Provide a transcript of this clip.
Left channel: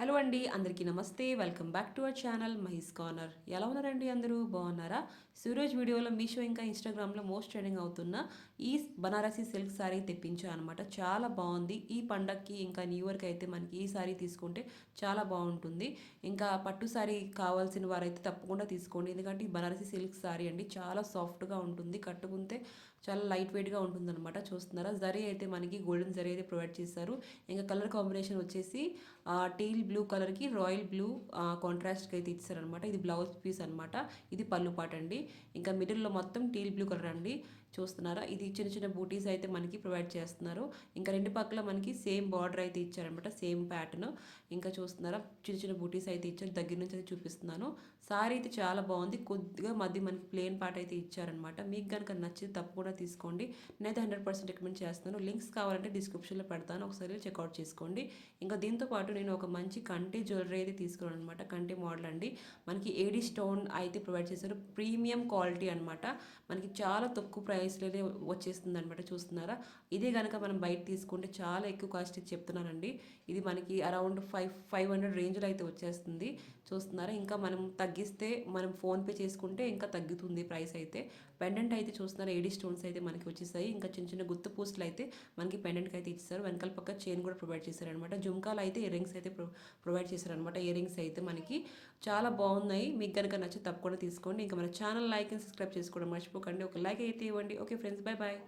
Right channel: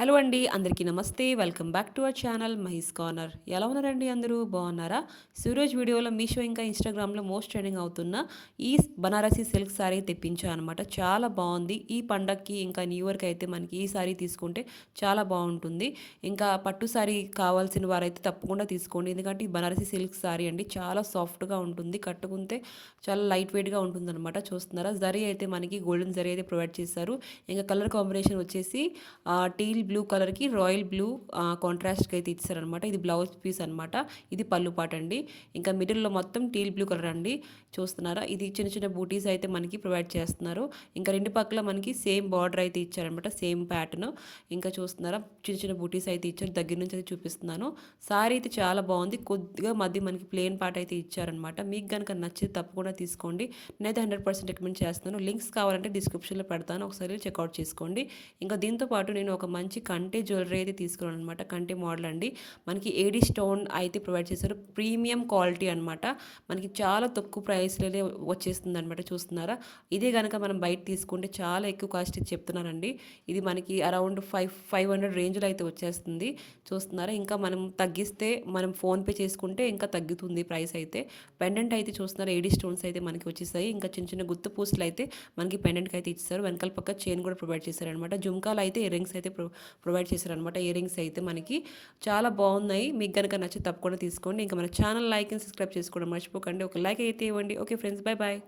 Hello అండి, అందరికీ నమస్తే. Welcome back to our channel Mahi's corner. ఎలా ఉన్నారండి అందరూ? బాగున్నారా? సూరజ్ వీడియోలో మీషో ఇంకా ఇన్స్టాగ్రామ్లో మోస్ట్ ట్రెండింగ్ అవుతున్న ఈ బనారసి సిల్క్ శారీ తెప్పించాను అనమాట. చాలా బాగుంది. ఈ పండగకి ఇంకా న్యూ ఇయర్కి అయితే మనకి ఈ శారీ తీసుకుంటే చాలా బాగుంటుంది. ఇంకా పట్టు శారీ కావాల్సిన వారైతే తప్పకుండా తీసుకోండి. ఎందుకంటే ఈ బనారసి సిల్క్ శారీ అండి చాలా సాఫ్ట్గా ఉంటుంది. కట్టుకుంటే చాలా లైట్ వెయిట్గా ఉంటుంది అనమాట. చూస్తున్నారా, జరీ అయితే మనకి గోల్డెన్ జరీ అయితే ప్రొవైడ్ చేశారు. ఇంకా కలర్ కాంబినేషన్ వచ్చేసి టీల్ బ్లూ కలర్కి రాయల్ బ్లూ కాంట్రాస్ట్కి అయితే ఇచ్చారనమాట. ఇది బ్లౌజ్ పీస్ అనమాట. ఇది పళ్ళు పాట అండి. ఇంకా మిడిల్లో మొత్తం టీల్ బ్లూ కలర్ అండి. చూస్తున్నారా, ఇది చిన్న చిన్న బూటీస్ అయితే మనకి ప్రొవైడ్ చేస్తున్నారు. ఇంకా రెండు పక్కల మనకి సేమ్ బార్డర్ అయితే ఇచ్చారనమాట, సేమ్ ప్యాటర్న్. ఇంకా చూస్తున్నారా, చిన్న చిన్న బూటీస్ అయితే ఇచ్చారు. దగ్గర నుంచి అయితే చూపిస్తున్నాను. సారీ అయితే చాలా బాగుంది. కొద్దిగా మధ్య మనకి ప్లేన్ పార్ట్ అయితే ఇచ్చారనమాట. మీకు కనుక నచ్చితే తప్పకుండా తీసుకోండి. నేనైతే 100% రికమెండ్ చేస్తున్నాను. లింక్స్ కావాలంటే డిస్క్రిప్షన్లో పెడతాను, ఒకసారి చెక్అవుట్ చేసుకోండి. ఇంకా దీంతో పాటు నేను ఒక మంచి కంటి జ్యువెలరీ అయితే తీసుకున్నాను అనమాట. కంటి మోడల్ అండి. మనకి ఏడి స్టోన్ అయితే ప్రొవైడ్ చేశారు. ప్రీమియం క్వాలిటీ అనమాట. మనకి చాలా తక్కువ ప్రైస్లోనే వచ్చేస్తుంది అనమాట. చూస్తున్నారా, ఇదే కనుక మనం బయట తీసుకుంటే చాలా ఎక్కువ కాస్ట్ చెప్తున్నారండి. ఇది మనకి అరౌండ్ 500 రేంజ్లో అయితే వచ్చేస్తుంది. చూస్తున్నారా, ఇంకా మనం తగ్గిస్తే మనం ఫోన్పే చేసుకుంటే ఇంకా తగ్గుతుంది ప్రైస్ అయితే. పెండెంట్ అయితే చూస్తున్నారా, ఏడి స్టోన్స్ అయితే మనకి వచ్చేసాయి. ఇంకా చిన్న చిన్న గుత్త పూసలు అయితే మనకి పెండెంట్కి అయితే ఇచ్చారు. వెనకాల పక్క చైన్ కూడా ప్రొవైడ్ చేశారనమాట. జుమ్కాలు అయితే ఇయర్ రింగ్స్ అయితే ప్రొవైడ్ చేశారనమాట. ఇయర్ రింగ్స్ అయితే మనకి చాలా బాగున్నాయి. మీకు కనుక నచ్చి తప్పకుండా తీసుకోండి. ఇంకా మన ఛానల్ లైక్ అండ్ సబ్స్క్రైబ్ చేసుకోవడం మర్చిపోకండి. ఒక లైక్ అయితే ఇవ్వండి. Okay friends, bye bye.